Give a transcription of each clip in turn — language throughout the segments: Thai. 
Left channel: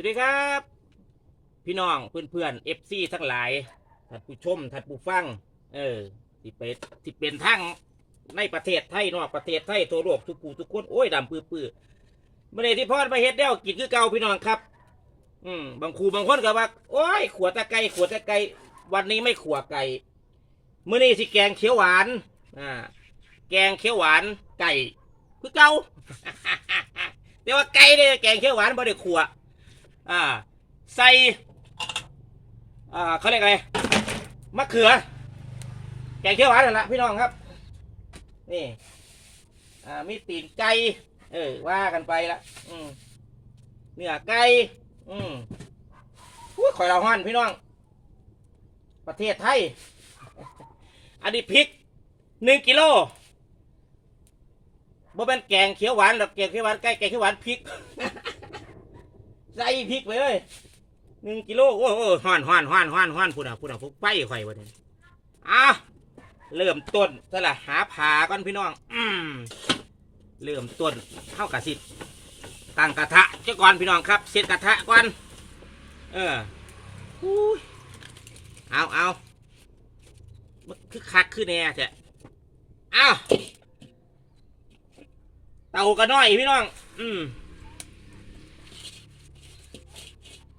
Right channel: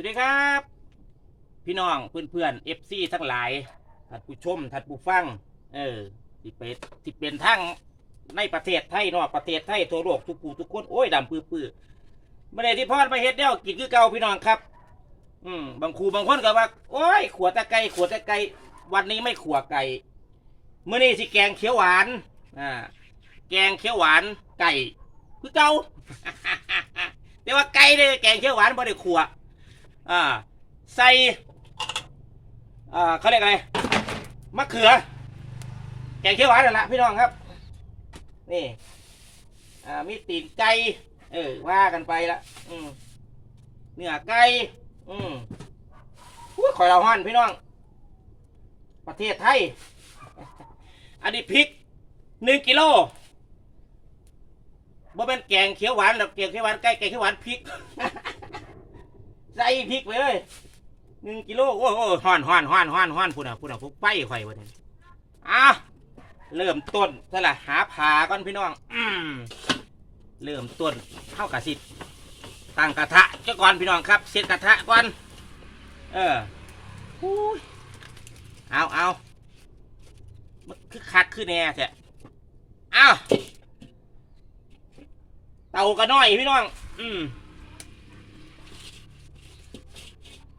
วัสดีครับ พี่น้องเพื่อนเพื่อนเอฟซีทั้งหลายท่านผู้ชมท่านผู้ฟัง เออสิเป็นสิเป็นทั้งในประเทศไทยนอกประเทศไทยทั่วโลกทุกผู้ทุกคนโอ้ยดำปื้อปื้อไม่ได้ที่พอดมาเฮ็ดเดียวกินคือเก่าพี่น้องครับ อืมบางครูบางคนก็ว่า โอ้ยขวดตะไก่ขวดตะไก่วันนี้ไม่ขวดไก่เมื่อนี้สิแกงเขียวหวานอ่าแกงเขียวหวานไก่คือเก่าแต่ว่าไก่เนี่ยแกงเขียวหวานไม่ได้ขวด อ่า ใส่ อ่าเขาเรียกอะไร มะเขือแกงเขียวหวานนั่นแหละพี่น้องครับ นี่ อ่า มีตีนไก่ เออ ว่ากันไปละ อืมเนื้อไก่ อืมอุ้ยข่อยเราห้อนพี่น้อง ประเทศไทย อันนี้พริกหนึ่งกิโลบ่เป็นแกงเขียวหวานดอกแกงเขียวหวานไก่แกงเขียวหวานพริก ใส่พริกไปเลยหนึ่งกิโลโอ้โหห้อนห้อนห้อนห้อนห้อนพูดอะพูดอะพวกไปข่อยวันนี้อ้าเริ่มต้นซะละหาผาก่อนพี่น้องอืมเริ่มต้นเข้ากับสิตั้งกระทะเจ้าก่อนพี่น้องครับเสร็จกระทะก่อนเอออุ้ยเอาเอามันคือคักคือแน่แท้อ้าเตาก็น้อยพี่น้อง อืม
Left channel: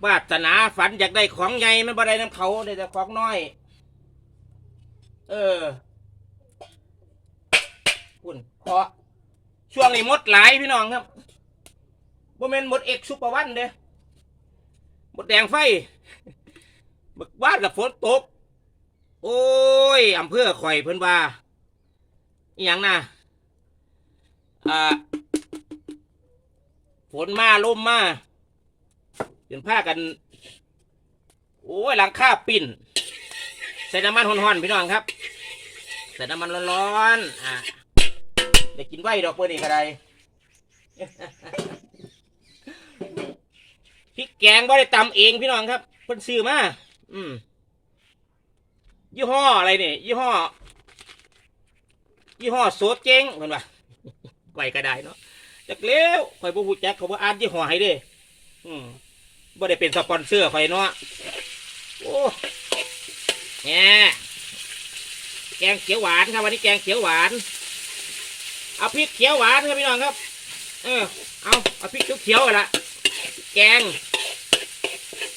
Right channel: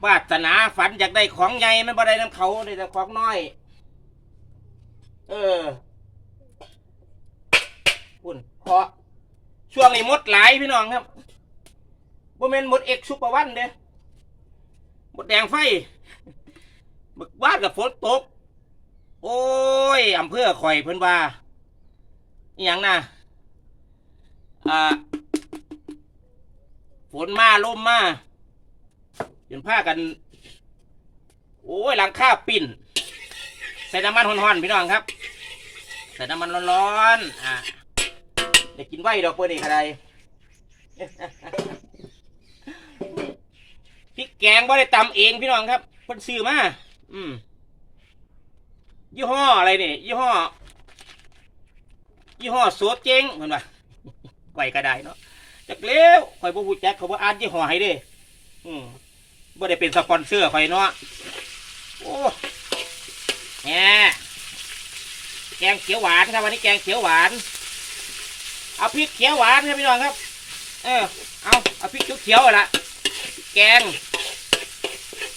วาสนาฝันอยากได้ของใหญ่มันบ่ได้น้ำเขาได้แต่ของน้อย เออคุณเพราะช่วงนี้มดหลายพี่น้องครับบ่แม่นมดเอกซุปเปอร์วันเด้มดแดงไฟบึกวาดกับฝนตก โอ้ยอำเภอข่อยเพิ่นว่าอหย่างน่ะอ่าฝนมาลมมา เป็นผ้ากัน โอ้ยหลังคาปิ่น ใส่น้ำมันห่อนๆพี่น้องครับ ใส่น้ำมันร้อนๆอะได้กินไว้ดอกเพื่อนอีกอะไรพริกแกงบ่ได้ตำเองพี่น้องครับเพิ่นซื้อมาอืม ยี่ห้ออะไรนี่ ยี่ห้อ ยี่ห้อโซดเจ๊งเห็นปะไก่ก็ได้เนาะจากเลี้ยวข่อยบ่ฮู้จักเขาบ่อ่านยี่ห้อให้เด้อืม บ่ได้เป็นสปอนเซอร์ไฟเนาะโอ้แหน่แกงเขียวหวานครับวันนี้แกงเขียวหวาน เอาพริกเขียวหวานครับพี่น้องครับ เออ เอาเอาพริกเขียวๆละแกง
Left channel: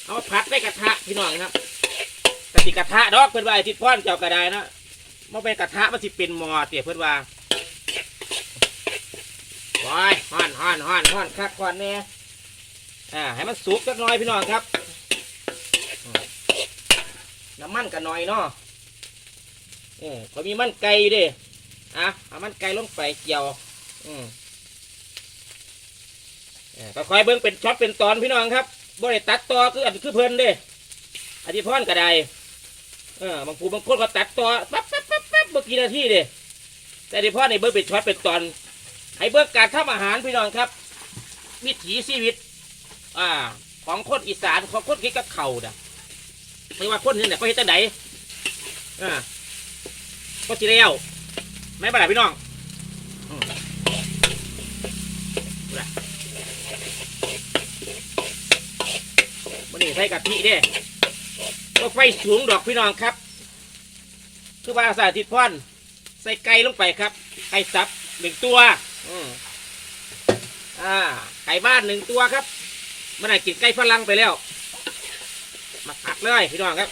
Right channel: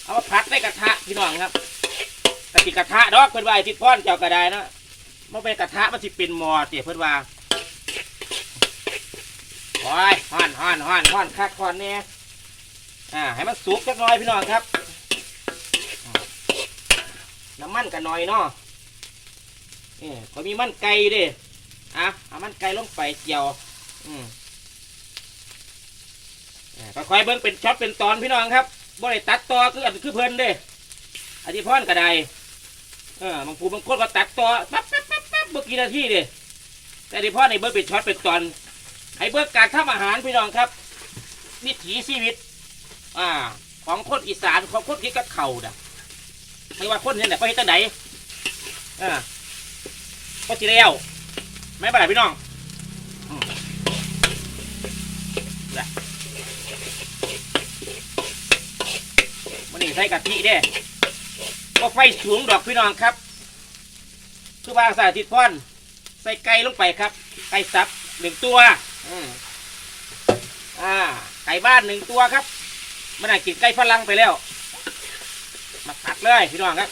เอาผัดในกระทะพี่น้องครับกะทิกระทะดอกเพื่อนว่าไอ้ทิดพ่อนเจ้ากระไดเนาะมันเป็นกระทะมันสิเป็นหมอเตี๋ยเพื่อนว่าโอ้ยฮ้อนฮ้อนฮ้อนฮ้อนคักฮ้อนเนี่ย อ่าให้มันสุกสักหน่อยพี่น้องครับ น้ำมันกันหน่อยเนาะเออเขามีมันไก่ดิอะเอามันไก่ลงไปเจียว อืมอ่าค่อยเบิ่งเป็นช็อตเป็นตอนพี่น้องครับบ่ได้ตัดต่อคืออันคือเพลินเด้อธิพรก็ได้เออบางผู้บางคนก็ตัดต่อปั๊บปั๊บปั๊บปั๊บเมื่อกี่นาทีเด้แต่อธิพรในเบิ่งเป็นช็อตเป็นตอนให้เบิ่งการทำอาหารพี่น้องครับวิถีชีวิต อ่า ของคนอีสานของคนกินกับเข่าวนะไม่ว่าคนเห็นแต่ก็เห็นตั้งไหนอ่าก็จีเรียวไม่เป็นไรพี่น้องอืมดูนะมันนี่ใส่กะทิเด้ก็ไฟสูงดอกพี่น้องครับ คือว่าสาธิตพ่อน ใส่ไก่ลงไปครับ ไก่สับหนึ่งตัว อืมอ่า ไก่บ้านหนึ่งตัวครับ มันน่ากินไก่ฝรั่งไปแล้ว มาผัดเลยพี่น้องครับ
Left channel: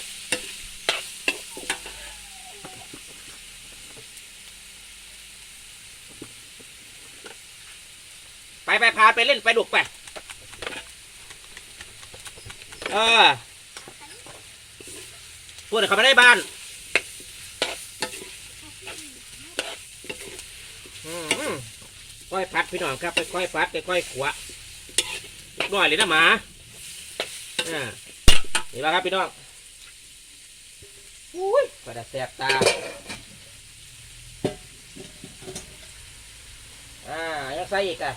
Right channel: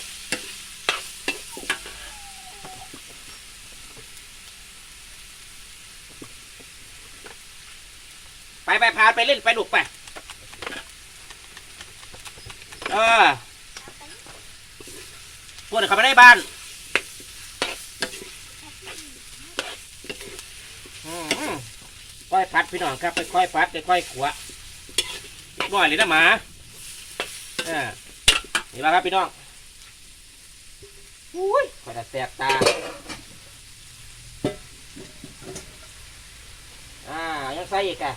ไปไปพาไปเล่นไปดุกไป เออพวกเขาไม่ได้บ้านค่อยพัดพี่น้องครับไปค่อยพัดไปค่อยขว บ่อยเลยนะหมาอ่านี่ละครับพี่น้องอุ้ยกระดาแสบตาอ่ายังใส่อีกอะ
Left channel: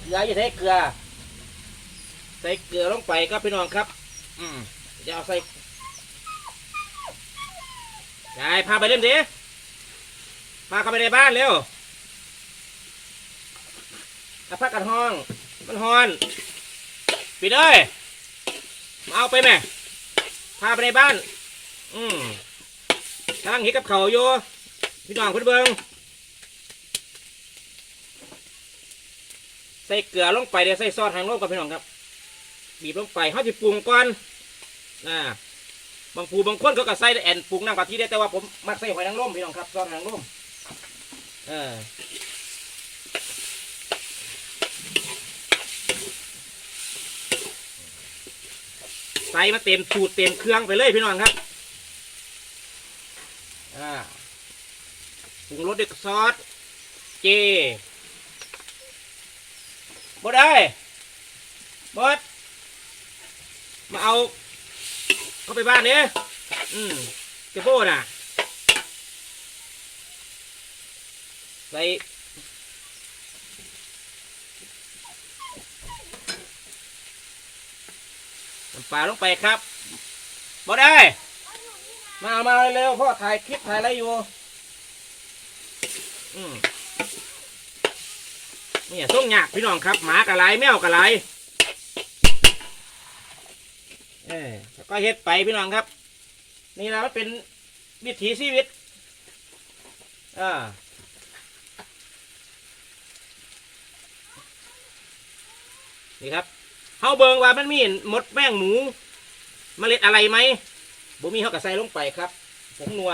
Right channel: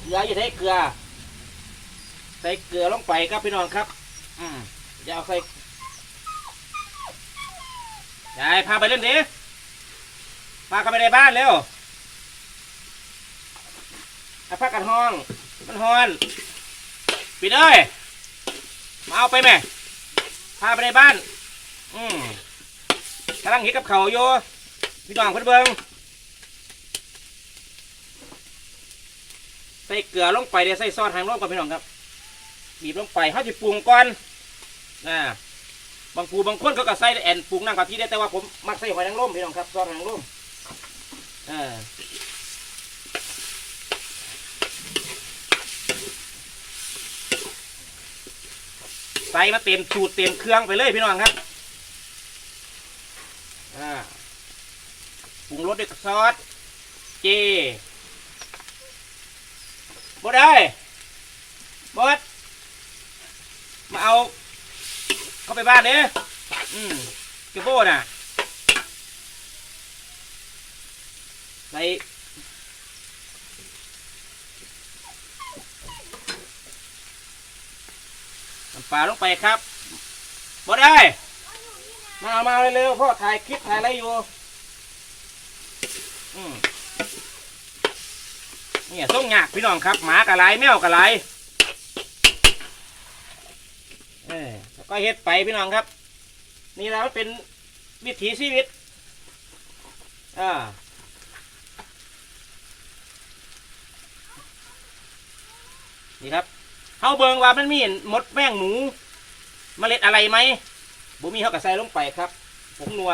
เกลืออย่าใช้เกลือ ใส่เกลือลงไปครับพี่น้องครับ อืมเดี๋ยวเอาใส่ยายพาไปเล่นดิพาเข้าไปในบ้านเร็วอาพักกันห้อง มันฮอนปิดเอ้ยมาเอาไปไหมพาไปในบ้าน อืมกำลังเห็ดกับเขาวอยู่พี่น้องเพื่อนเบิงใส่เกลือลงไปเดี๋ยวใส่ซอสทางโลกกับพี่น้องครับบีบลงไปเขาจะปรุงก่อนนะบางผู้บางคนเขาก็ใส่แอนปรุงน้ำกะทิได้แต่ว่าผมมักใส่หอยนางรมพี่น้องครับซอสหอยนางรมเออ ใส่มาเต็มสูตรเต็มเครื่องไปเลยพี่น้องครับปรุงรสด้วยซอสเจบดได้บดมาเอา เข้าไปบ้านเนี่ยอืมเจ้าโบน่ะใส่ น้ำปลาลงไปครับบดได้ มามาเร็วๆพ่อถ่ายคลิปถ่ายอะไรอยู่เนี่ยส่งยากพี่น้องครับ หมากะไรแมวกะไรเออแล้วก็เฮ็ดไปพี่น้องครับ นี่และมันเป็นวิถีชีวิตอ่านี่ครับ เฮาเบิงว่ามันมีมดแมงหนูเมล็ดอะไรไหมบ่มีเฮากระใส่ลงไปครับผงนัว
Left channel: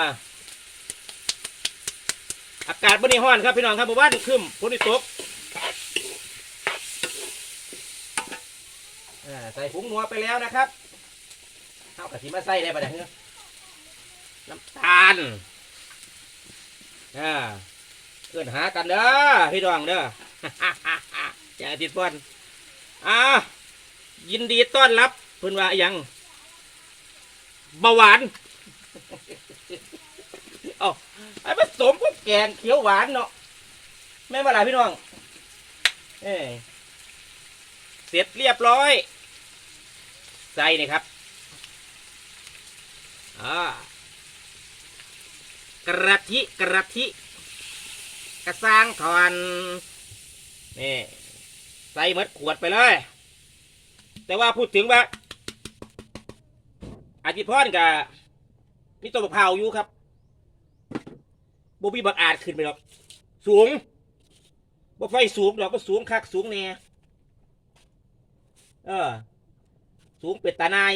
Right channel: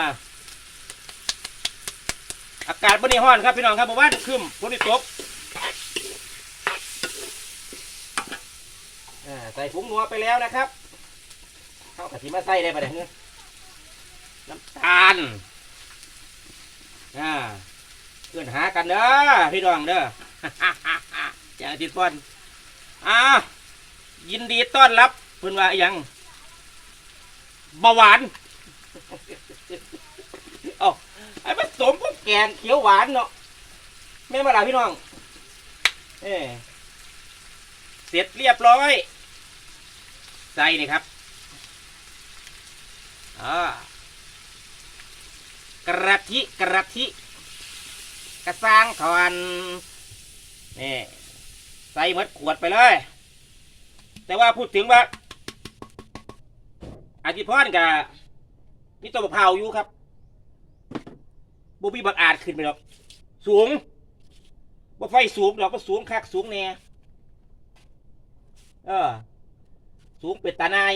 อากาศบริห้อนครับพี่น้องครับบอกว่าขึ้นฝนตกใส่ผงนัวไปแล้วนะครับเข้ากะทิมาใส่ได้ปะเนี่ยน้ำตาลอ่าเพื่อนหากันเด้อพี่น้องเด้ออย่าติดบอลอ่า ยินดีต้อนรับเพื่อนว่าอหยังเบาหวานเอ้าไอ้ผสมพวกแกงเขียวหวานเนาะไม่มาลาพี่น้องเออเสร็จเรียบร้อย ใส่นี่ครับอ่ากระทิกระทิกระซังถอนนี่ใส่หมดขวดไปเลย แต่ว่าพูดถึงว่าอาจิพรกับมีตัวบกเผาวอยู่ครับบ่มีบักอาจขึ้นไปหรอก สูงบ่ไฟสูงดอกก็สูงคักสูงแน่เออ สูงเป็ดตา นาย